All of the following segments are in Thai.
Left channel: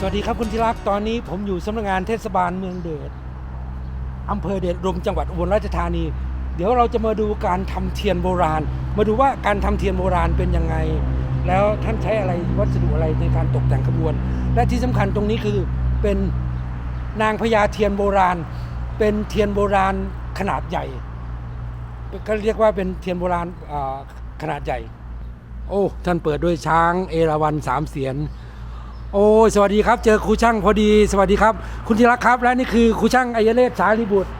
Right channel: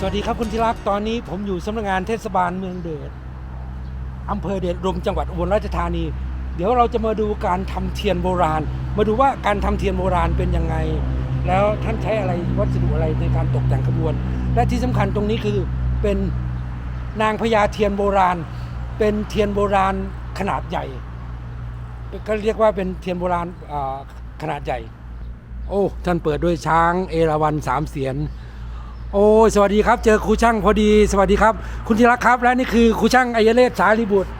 สวัสดีครับคุณที่รักตอนนี้ผมอยู่สำนักงานเทศบาลเมืองเดชอำเภอเดชอุมจังหวัดอุบลราชธานี เดี๋ยวเราจะมาดูการทำเทียนโบราณ มาดูว่าการทำเทียนโบราณเป็นยังไง แล้วท่านใช้อะไรวัสดุอะไรในการตกแต่งขบวน และที่สำคัญตรงนี้คือเป็นนางพญาเทียนโบราณ เป็นเทียนโบราณขนาดใหญ่ก็เรียกว่าเป็นเทียนโบราณขนาดใหญ่ โอ้ท่านเปิดด้วยช้างเอราวัณสามเสียน โอ้ยสวัสดีครับ เจอครูช่างพอดี สวัสดีครับ คุณธีรักครับและนี่คือครูช่างอายเลศสารีบุตร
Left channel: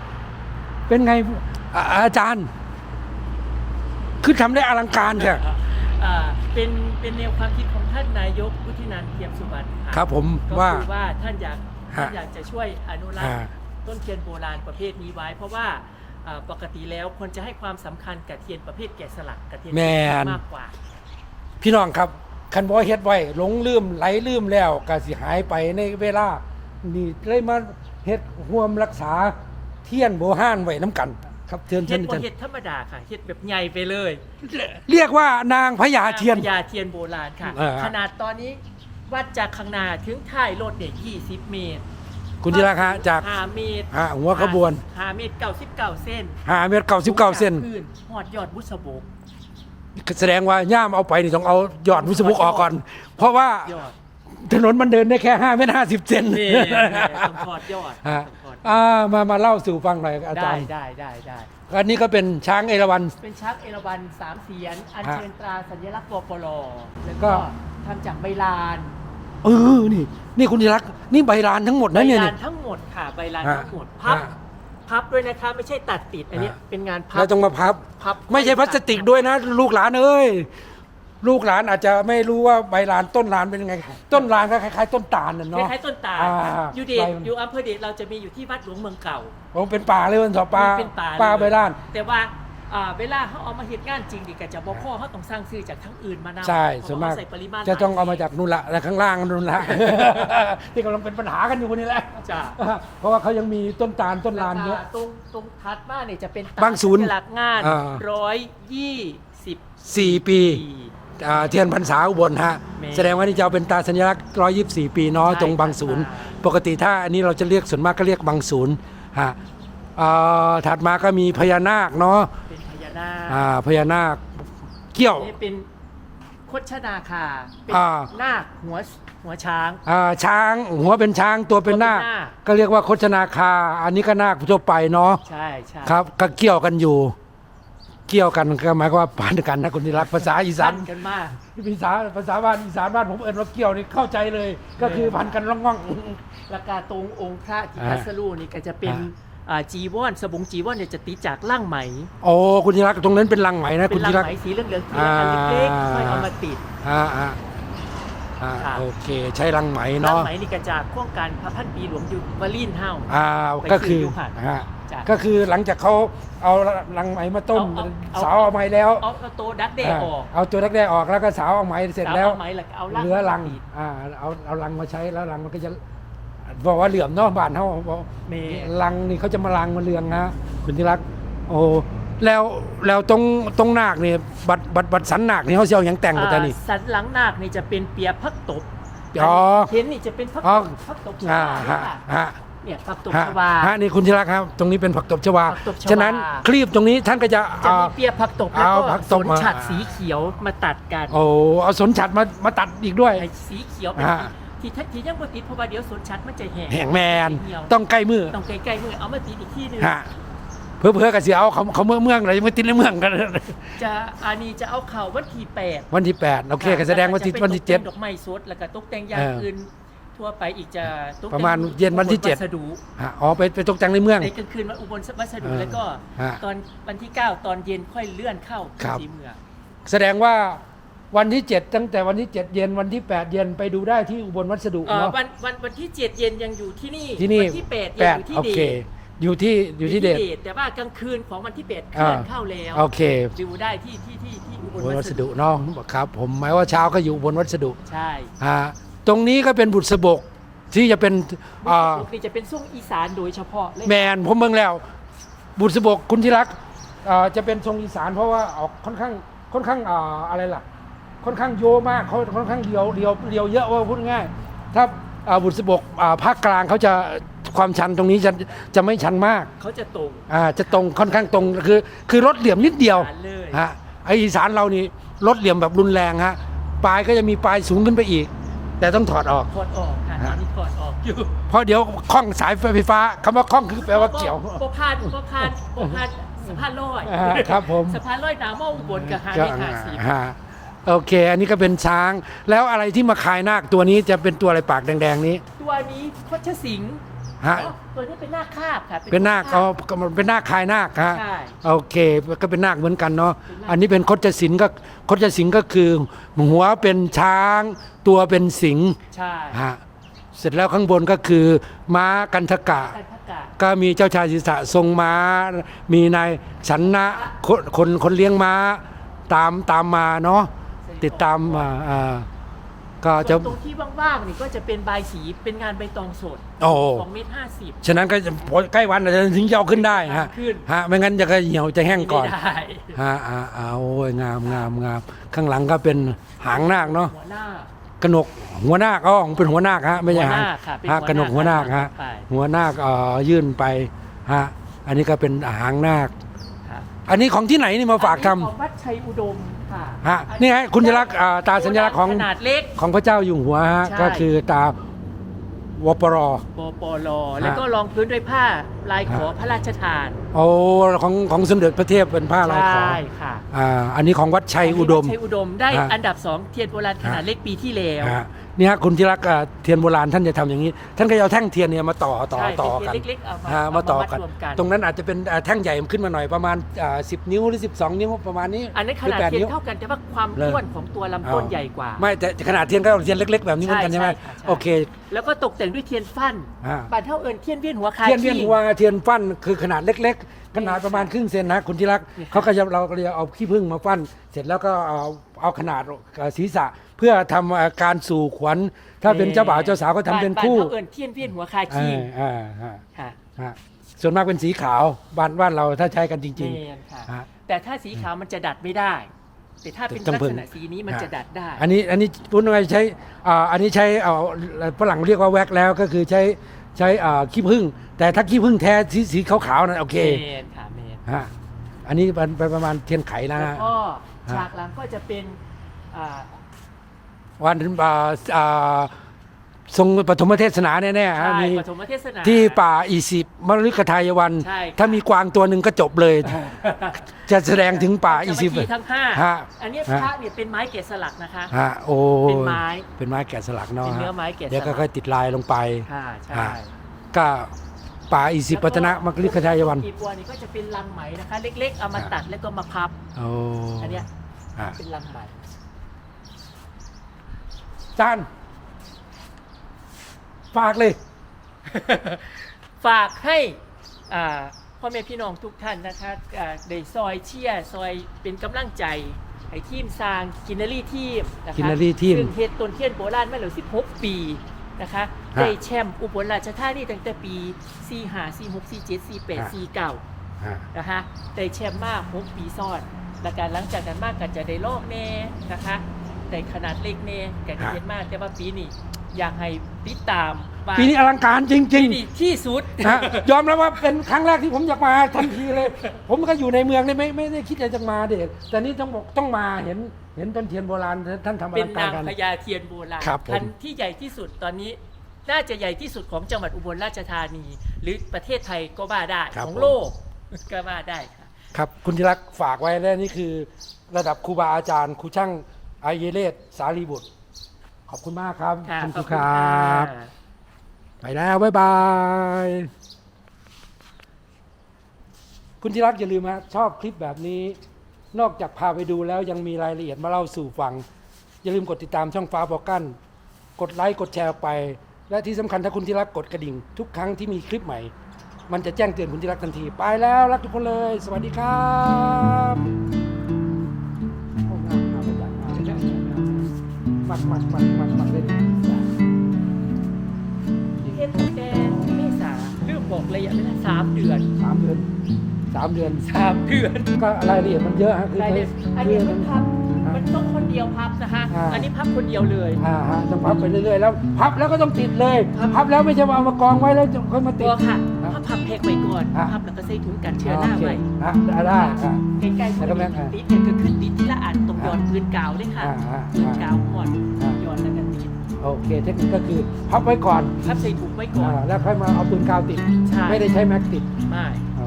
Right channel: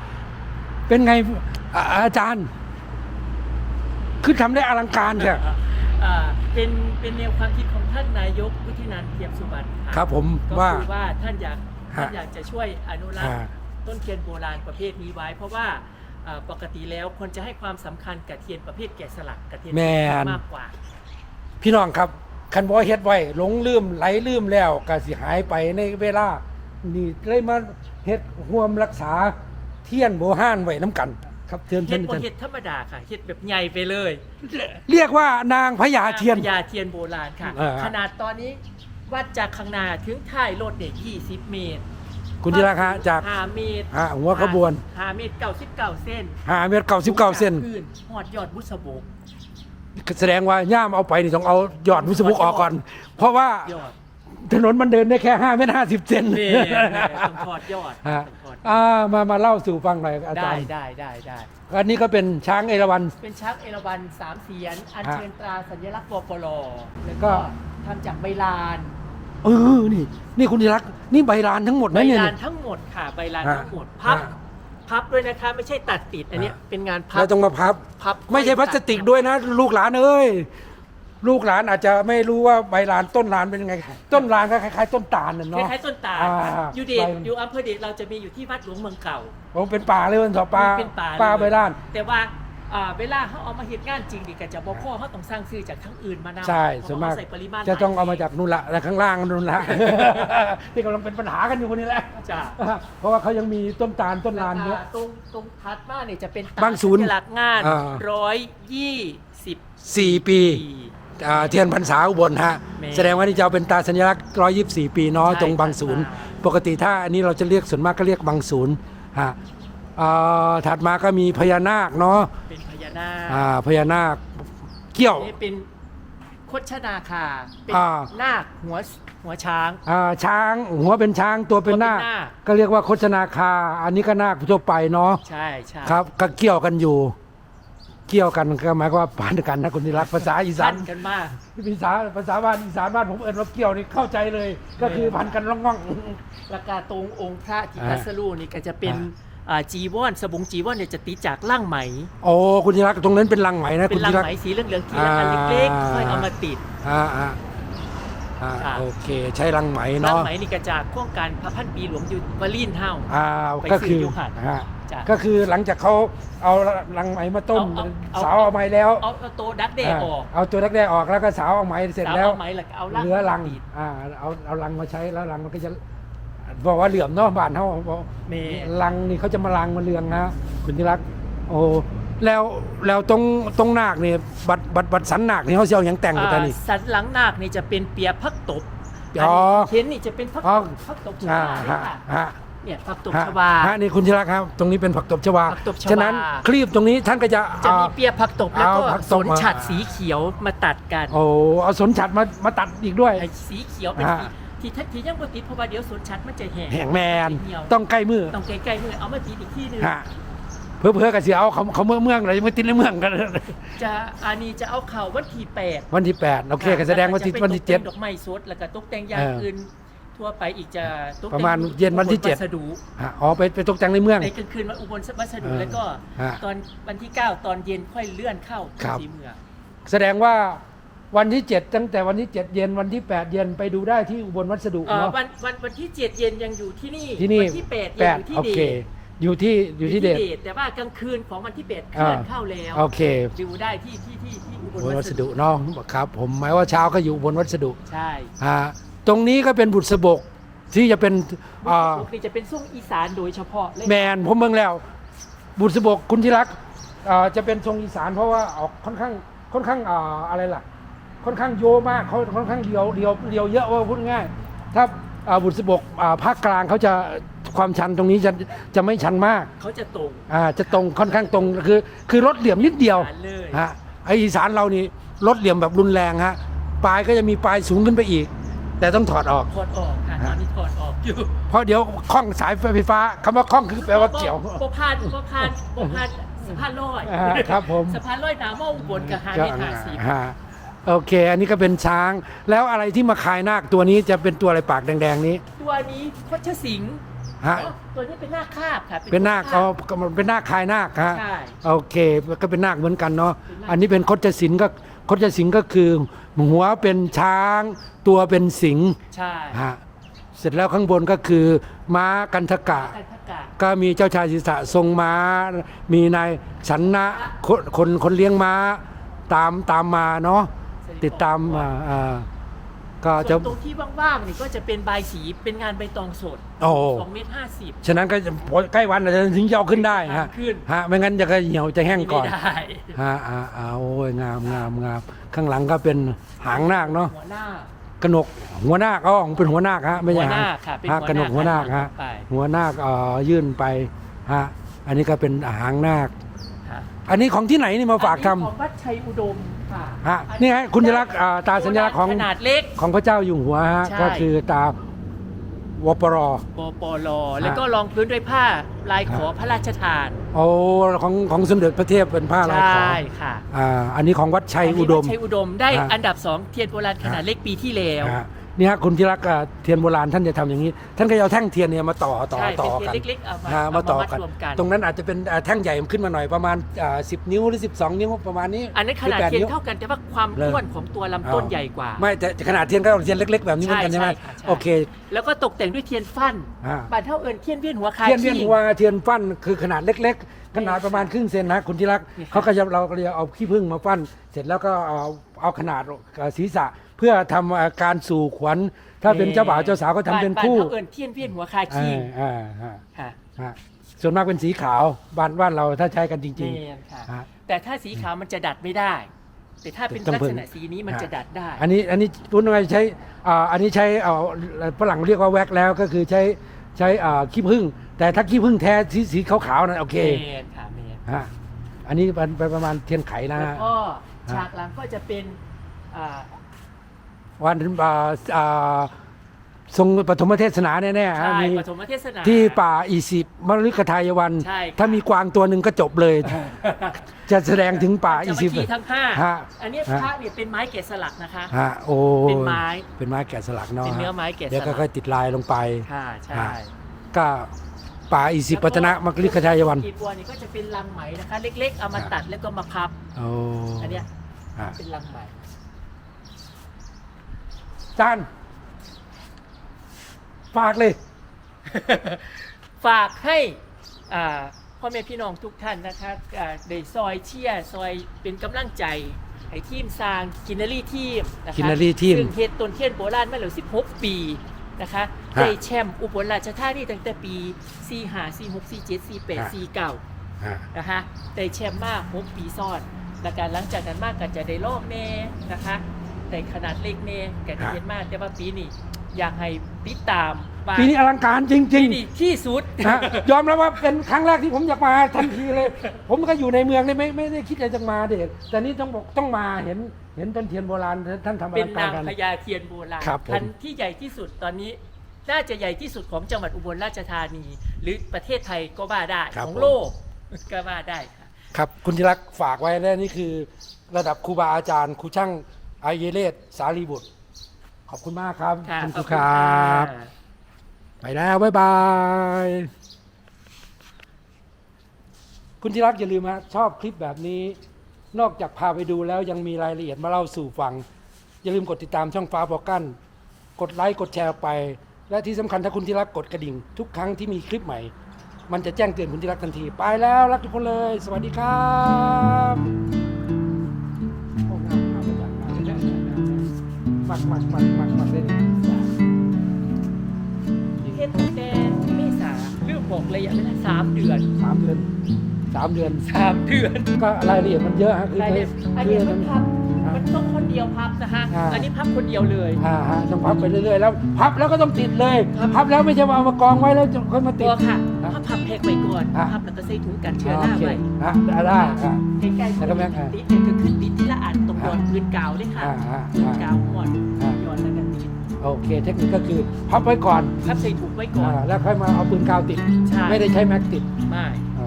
เป็นไงอ่าอาจารย์คือทำได้อลังการเนี่ย อ่าเป็นเป็นแนวความคิดของท่านนายกวุฒินันท์เทียมสุบรรณะครับผมก็ว่าคือว่าท่านอยากฮะท่านอยากจะช่วยอนุรักษ์อ่าต้นเทียนโบราณประเภทนี้ไว้ เพราะว่าอ่าปกติแล้วคนจะให้ความสำคัญกับเทียนประเภทแกะสลักกับเทียนแม่น มากกว่า พี่น้องครับ คันบอเฮ็ดไว้หลงลืมไหลลืมแล้วก็สิหายไปในเวลา นี่เลยมาเฮ็ดห่วมรักษาเทียนโบห้านไว้น้ำกัน ครับเทียนเฮ็เทียดนบ่เฮ็ดธรรมดาค่ะเฮ็ดแบบใหญ่ไปเลย เรียกว่านางพญาเทียนพญาเทียนโบราณค่ะ เออ ขนาดตอนนี้วัดจากข้างหน้าถึงท้ายรถเนี่ย20 เมตรคุณธีรักฮะจาก 5เมตรอ่าหัวขบวน 5เมตร99เส้นหาเมตรเก้าสิบเก้าเซนพื้หอดยอดบุษบก แสดงว่าย่ามเอาไปนี่ต้องเอายอดวิศวกออกก่อน เพราะว่ายอดถนนมันเดินได้แค่5เมตร50เซนนี่ต้องถอดยอดฮะต้องถอดยอดอ่ามามาเล่าสู่ฟังหน่อยอาจาได้รย์ได้ได้ได้ อันนี้ก็เป็นช้างเอราวัณ เป็นชักเอราวันสามเสียน อัญฮะเชิญตราสัญลักษณ์ปปลแล้วก็ก็ ทำจากใบลานเออนี่ นี่คุณธีรักษ์นี่ใบลานทั้งหมดใบนะเนี่ย ลานทั้งหมดค่ะ ใบลานฮะทั้งหมด พับฮะ พับด้วยนะคะไม่ใช่ตัดติดอันเนี้ยฮะเป็นงานพัเราต้องมาพับ พับ ไม่ใช่พลาสติกด้วยนะ ลูกหลานเอ้ยลูกหลานอาจจะไม่รู้ว่าใบลานต้นลานเป็นยังไง ต้นลานก็คล้ายๆต้นตาลน่ะคเนาะ ล้ายๆต้นตาลค่ะอ่า อยู่เดชใบอยู่อำเภอเดชเราจะมีอยู่ที่วัดหลวงเมืองเก่า ผมเป็นป่าเลยวันต่อป่ามีเป็นป่าป่าเลยใบลาน แต่ว่า อ่าเวลาเขาเอามาเหตุงานจริงดิก็จะบ่พ่อเขาต้องสร้างซื้อจากทั้งอื่นมานำใช่เพส่วนราะมาว่ากเขาใส่ปริมาณจะต้องหลยเอามาจากนู่นละและข้างล่างนู่นละ ที่กำลังเป็นปัญหากันอยู่คนนี้แหละจ้ะ เพราะว่าเขายังมีต้นตาลต้นลานเยอะ ตรงตรงทัดมาเนี่ยจะเป็นบางศูนย์หลักงานอ่า ร้อยยี่สิบสี่ปี ปี อ่าเทียนพรรษาอุบลฮะ แม่แสดงว่านี่จะเอาเป็นตาสัญลักษณ์ 124 ปีเนาะใช่ ตรงบางศูนย์ ปกติถ้าอันนี้เราจะเรียกส่วนมากก็เรียกบางศูนย์ฮะอ่าถัดมาก็มีพญานาคเนาะ อ่าพญานาคเกี้ยว นี่เป็นโคชนาคาเป็นอ่า นาคหัวหัวช้าง อ่าช้างหัวเป็นช้างตัวเป็นนาคตัวเป็นนาค ก็เรียกว่าโคชนาคา อันนี้ก็นาคทั่วไปเนาะใช่ใช่ครับก็เกี่ยวกันอยู่ เกี่ยวกันก็หมายความว่าผ่านกันนะคุณนิรัตน์ภาษาอีสาพันนกันมาก ภาษาภาษาบ้านอีสานบ้านผมเอิญว่าเกี่ยวนี่เข้าใจเลย ก็คือพันกันร่องง่องแล้วก็ตรงองค์พระที่อ่าพัสลูนี่ก็จะเป็นอ่าอ่า จีวรสบงจีวรเนี่ยจะติดจากล่างไหมโอ้คุณนิรัตน์ตรงนั้นเป็นลังไหมนะ เป็คุณนนิล่ารังตไหมน์สีเหลืองๆที่อ่าอันเล็กๆที่เอามาติด อ่าอ่าอ่าครับโอเค ใช้ลังไหมล่างเนาะไหมนี่ก็จากโครงการพระพันปีหลวงอยู่วาลีนเฮา อ่าไปก็คือซื้ออยู่หั่นฮะจ้ะ ก็คือหลังจากเขาเอาลังไหมมาต้มเอาเอาสาวเอาไหมแล้วเอาเอาโตดักแด้ออกเอาตัวแรกๆออกแล้วก็สาวเอาไหมเสร็จแล้ว เอาไหมแล้วก็เอาลังเหลือลังมาติดอ่า เอา เอาลังมาใช้แล้วลังมันก็จะ บอกว่าเหลื่อมเนาะบ้านเขาบอกเมลังนี่เขาจะมาลังมาเรืองนะคุณที่รัก โอ้แล้วแล้วตรงตรงนาคนี่บัดบัดบัดสันนาคนี่เขาสิเชียวยังแต่งหมดแต่นี่ อ่าสันหลังนาคนี่จะเป็นเปียพักตบอ๋อเห็นนี่จะเป็นพักอ๋อตบพักตบชอ่าวาเนี่ฮะยค่ะฮะเนี่ยพักตบฮะชวา ฮะนี่คุณที่รักครับ ตรงนี้เป็นผักตบชวาผักตบชวา ฉะนั้นคลีบตรงนี้ท่านก็จะจะอ่ามีเปียพักตบแล้วเอาก็ผักตสบนมา ฉัดสีเขียวมาตัดกันโอ้เอาสนฉัดมามาตัดอีกด้วย ไอ้สีเขียวเป็นฮะสี ที่ทัที่ยังบ่ติดเพราะว่าเดี๋ยวสนชัดมันจะแห้งแห่งแมนเหี่ยวต้องใกล้มือต้องใกล้ๆมือเอามาติดอีกที่หนึงฮะเพื่อเพื่อกับเสียเอาเขาเขาเมืองเมืองอะไรไม่ติดในเมืองกัน จะอันนี้จะเอาเข่าวันที่แปด วันที่แปดโอเคก็แสดงว่าที่แล้วก็วันที่เจ็ดจะไปตกแต่งดอกไม้สดแล้วก็ตกแต่งอย่างเอออื่อื่นทั่วไปอีกจะตกแต่งประมาณเย็นวันที่เจ็ดวัสดุฮะอ๋อไปไปตกแต่งในเมือง ในกลางคืนวันอุบลวัสดุเออแล้วก็ฮะตอนวันที่ 9 ตอนเย็นค่อยเลื่อนเข้าครับ สีเมืองแสดงว่า วันที่เจ็ดตั้งแต่วันที่เจ็ดเย็นวันที่แปดเย็นไปดูได้ที่อุบลวัสดุอ่าเนาะวันวันวันที่7เย็นยังอยู่ที่นี่ที่นี่วัที่8เย็นอยู่ที่โอเดเคชอยู่ที่อยู่ที่เดช แต่ว่ากลางคืนของวันที่8เคลื่อนอ่าเข้าแล้วโอเค ดูได้ที่ที่ที่ที่อุบอุลบลวัวัสสดุดุเนาะครับ ผมหมายว่าเช้าก็อยู่อุบลวัสดุใช่ฮะตรงนี้ก็เป็นบุตรสบกที่จะเป็นอ่านี่จะเป็นส่งอีสานโดยเฉพาะเลยแมนผมเมืองแล้ว บุตรสบกคุณที่รักอ่าจะเป็นทรงอีสานเพราะว่าออกค่อนข้างค่อนข้างอ่าอะไรล่ะ ค่อนข้างโยมากค่อนค่อนข้างเดียวเดียวเดียวเยอะว่าพูดง่ายถ้าอ่าบุษบกอ่าภาคกลางเขาจะความชันตรงนี้จะจะไม่ชันมากเขาจะตรงอ่าจะตรงค่อนข้างตรงคือคือรถเหลี่ยมนิดเดียวฐานเลยฮะไออีสานเรานี่รถเหลี่ยมแบบรุนแรงฮะปลายก็จะมีปลายสูงขึ้นไปอีก แต่ต้องถอดออกถอดออกค่ะตอนนี้ถอดออกอยู่เพราะเดี๋ยวคล้องสายไฟฟ้าคำว่าคล้องคือแปลว่าเกี่ยวปพานปพานปพานสะพานลอยอ่าครับผมสะพานลอยน้ำเมาอุบลกับฮาก็นี่ค่ะสีฮะ โอเค อันนี้ก็เป็นช้าง แล้วอะไรที่มาคายนาคตัวนี้จะเป็นตัวอะไรปากแดง ๆ นี้ตัวนี้โคชสิงห์ฮะ อ๋อตัวนี้เป็นนาคคาบค่ะเป็นนาคคาเอาบมันเป็นนาคคายนาคฮะใช่โอเค ก็เป็นนาคเหมือนกันเนาะเป็นนาค อันนี้เป็นคดศิลป์ก็คดศิลป์ก็คือ หัวเป็นช้าง ตัวเป็นสิงห์ใช่ฮะเสร็จแล้วข้างบนก็คือ ม้ากันทกะการประกาศก็มีเจ้าชายศิษะทรงม้า มีนายฉันนะคนคนคนเลี้ยงม้าตามตามมาเนาะ ติดตามมาอ่าก็จะ ส่วนตรงที่ว่างๆนี่ก็จะเป็นใบายสีเป็นงานใบตองสดโอ้ สองเมตรห้าสิบ ฉะนั้นก็จะใกล้วันอาจจะถึงจะเอาขึ้นได้ฮะขึ้น ฮะไม่งั้นจะก็เหี่ยวจะแห้งก่อน ไม่ได้ฮะอ่าอ่าโอ้ยงามงามงามข้างหลังก็เป็นหางนาคเนาะหัวหน้ากระหนกหัวนาคก็เป็นหัวนาคฮะไม่ใช่หัวหางนาคค่ะเป็นฮะหัวนาคกระหนกหัวนาคฮะไป หัวนาคเอ่อยื่นไปฮะอันนี้ก็เป็นหางนาค อันนี้ของที่ไหนนี่มาฝากทอันนี้ของวัดชัยอุดม ค่ะำฮะนี่ไงคุณลักษณ์อ่าตาสัญลักษณ์ของขนาดเล็ก ของพระเจ้าอยู่หัวฮะใช่ ก็คือตาวปร ปปลแล้วก็รองพื้นด้วยผ้าลายขอพระราชทานโอ้ของของสมเด็จพระเทพเป็นผ้าลายขอใช่ค่ะอ่าอันนี้ของวัดชัยอุดมวัชัยอุดมได้ฮะ อันดับสองเทียนโบราณขนาดเล็กปีที่แล้วฮะนี่ฮะคุณที่รักอ่าเทียนโบราณท่านจะทำอย่างนี้ ท่านก็จะเอาแท่งเทียนเนี่ยมาต่อต่อใช่ต่อเป็นกันเทียนเล็กๆเอามาฮะเอามามาต่อกันมัดรวมกันตรงนั้นอาจจะเป็นอ่าแท่งใหญ่ขึ้นมาหน่อยประมาณอ่าสิบนิ้วหรือ12นิ้วประมาณนี้อันนี้นขหรือนาดแปดเทียนิ้นวเท่ากันแต่ว่าความเลยอ้วนของตัวลำต้นใหญ่กว่า ไม่แต่ขนาดเทียนก็เทียนเล็ก ๆ แบบนี้เหมือนกันใช่ไหมใช่ใช่ใช่ โอเคแล้วก็ตกแต่งด้วยเทียนฟั่นอ่า บานเท่าเอิญเทียนเวียนหัวคาเทียนเวียนขี้หัวเทียนฟันคือขนาดเล็กๆ ขนาดประมาณครึ่งเซนนะคุณที่รักนี่ค่ะ เขาก็จะเราก็จะเอาขี้ผึ้งมาฟันเสร็จแล้วก็เอาเอาขนาดเอ่อศีรษะเพื่อทำอ่าการสู่ขวัญ ถ้าเป็นเจ้าบ่าวเจ้าสาวก็ทำเป็นบานคู่เท่าเอิญเทียนเวียนหัวคาขี้อ่าอ่าค่ะ อ่าส่วนมากเป็นสีขาวบ้านบ้านเราถ้าใช้กันจแมริงนค่ะ ฮะแต่ถ้าสีขาวมันจะดัดไม่ได้ แต่ถ้าเป็นต้องลักพึ่ษงณะสีนี้มันจะดัดได้ ๆ อันนี้อันนี้พูดง่ายๆใช้อ่าอันนี้ใช้เอาฝรั่งเรียกว่าแว็กแล้วก็คือใช้ ใช้อ่าขี้ผึ้งแต่ถ้าขี้ผึ้งแท้สีสีขาวๆนั่นโอเคแมนค่ะแมนฮะอันนี้เป็นไปประมาณเทียนไขนะแล้วฮะ ก็ฉากหลังก็จะเป็นอ่าวันอ่าอ่า ทรงปฐมเทศนาแน่ๆฮะใช่มีปฐมเทศนา ที่ป่าอีสิบมฤคทายวัน ใช่ครับ ถ้ามีกวางตัวหนึ่งก็จบเลย จะแสดงถึงป่าอีจะสิบมาที่ทั้งห้าฮะ อันนี้ฮะพระเนี่ยเป็นไม้แกะสลักนะคะ ฮะโอ้เป็นไม้เป็นไม้แกะสลักเนาะเป็นเนื้ฮะอไม้แกะสลัก เดี๋ยวก็ค่อยติดลายลงไปค่ะใช่ฮะก็ป่าอีสิบปัตนะมฤคทายวันอีกบัวนี่ก็จะเป็นลังไหมนะคะ เล็กๆ เอามาตัดแล้วก็มาพับ โอ้อันเนี้ยฮะเป็นลังไหม จาน ฝากเลย ฝากให้อ่าพ่อแม่พี่น้องทุกท่านนะคะอ่าได้ซอยเชียร์ซอยเป็นกำลังใจให้ทีมสร้างกินนารีทีมนะคะ Kinary Team ซึ่งเฮ็ดต้นเทียนโบราณมาแล้ว16 ปีนะคะฮะได้แชมป์อุบลราชธานีตั้งแต่ปี 45 46 47 48 49ฮะนะคะได้แชมป์มาก6ปีซ้อนและการหลังจากนั้นมากก็จะได้ลอกแน่นะคะได้ขนาดเล็กแน่ก็ได้เห็นมากแต่ว่าปีนี้ อยากให้ติดตามว่าปีนี้อลังการจริงปีๆนี้ที่สุดฮะยอมรับว่าเป็นครั้งแรกที่ผมอยากมาทันทีเลย ผมก็อยู่ในเมืองนี่ไม่ไม่ได้คิดจะจะมาเด็กแต่นี่ต้องบอกต้องมาเห็นเห็นต้นเทียนโบราณท่านทำอเป็นลังการนางกันพญาเทียนโบราณครับผม พันธุ์ที่ใหญ่ที่สุดตอนนี้ น่าจะใหญ่ที่สุดของจังหวัดอุบลราชธานี หรือประเทศไทยก็ว่าได้ ครับของผม โลกก็ว่าได้ค่ะ ครับ คุณธีรักษ์ฝากไว้แล้วนี่คือ ระดับครูบาอาจารย์ครูช่างไอเยเลศสารีบุตร ขอบคุณมากครับค่ะณขคอรูบคคุณรัค่ะบไปแล้ว บ๊ายบาย คุณธีรักษ์อย่าลืมฮะชอบคลิปแบบนี้ นอกจากพาไปดูแล้วยังมีรายละเอียดมาเล่าสู่ฟัง อย่าลืมกดติดตามช่องฟ้าบอกกั้น กดไลค์ กดแชร์ออกไป และที่สำคัญถ้าคุณที่รักกดกระดิ่ง ทุกครั้งที่มีคลิปใหม่ มันจะแจ้งเตือนคุณที่รักทันที ไปแล้วรักทุกคนเลย สวัสดีครับมักมักมัก ระยะเวลาสามเดือนสามเดือนสามเดือนสามเดือนก็รายละเอียดมันเยอะฮะคือรายละเอียดอันเนี้ยมันทำมันต้องค่อนเดียวพับนะคะอ่าอันนี้พับคนเดียวเลยอ่าฮะต้องพับไปเรื่อยๆแล้วพับแล้วก็ต้องติดเลยพับแล้วไม่ใช่ว่าเอามากองไว้แล้วจะค่อยมาติตัดวค่ะอะพับพับแพ็กไว้ก่อนอะพับแล้วก็ใส่ถุงกันเชื้อราไว้อะได้ได้อะใกล้ๆแล้วก็แม่งอะติดเนี่ยก็คือติดที่ละอันตรงยอดพื้นกาวด้วยค่ะอ่าอ่าพื้นกาวหมด โอเค เทคนิคก็คือพับไว้ก่อนพับใส่ถุงไว้ก่อน อ่าแล้วค่อยมาเอาปืนกาวติด ใช่ ไม่ได้ใช้แม็กติดไม่อ๋อ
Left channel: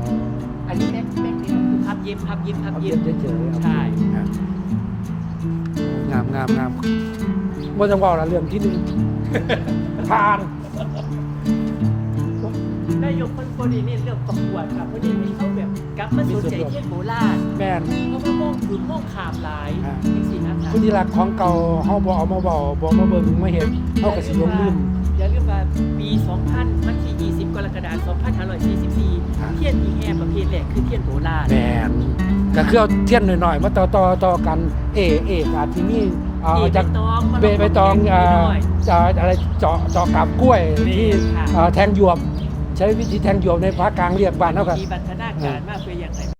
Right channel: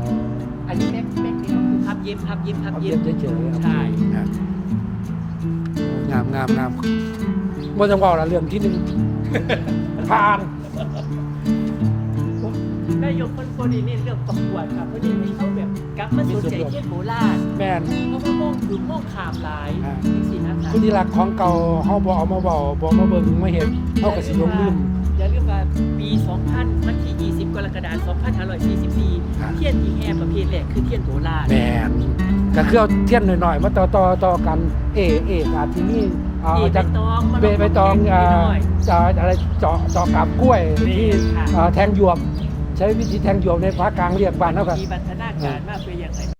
อันนี้แม็กแม็กเนี่ยคือพับเย็บพับเย็บพับเอาเย็เย็บบเฉยๆ ใช่ งามงามงามไม่ต้องว่าละเรื่องที่หนึ่ง ผ่านนายกคนคนนี้เนี่ยเรื่องประกวดค่ะเพราะนี่ให้เขาแบบกลับมาสนใจเที่ยงโบราณแม่นเพราะว่ามองถึงมองขามหลายอ่าจริงๆนะคะคุณที่รักของเก่าเฮาบ่เอามาเว้าบ่มาเบิ่งมาเห็นเฮาก็สิหลงลืมอย่าลืมว่าปี 2000วันที่ 20 กรกฎาคม 2544 เทียนที่แห่ประเภทแรกคือเทียนโบราณแม่นก็คือเอาเทียนหน่อยๆมาต่อต่อต่อกันเอเออาทีนี้เอาเอใบจากตองมาเบใบตองแกอ่าน้อยจะอะไรเจาะเจาะกับกล้วยที่ค่ะอ่าแทงหยวก ใช้วิธีแทงหยวกในภาคกลางเรียกบ้านเฮาก็มีบันทนาการมากเพื่ออย่างไร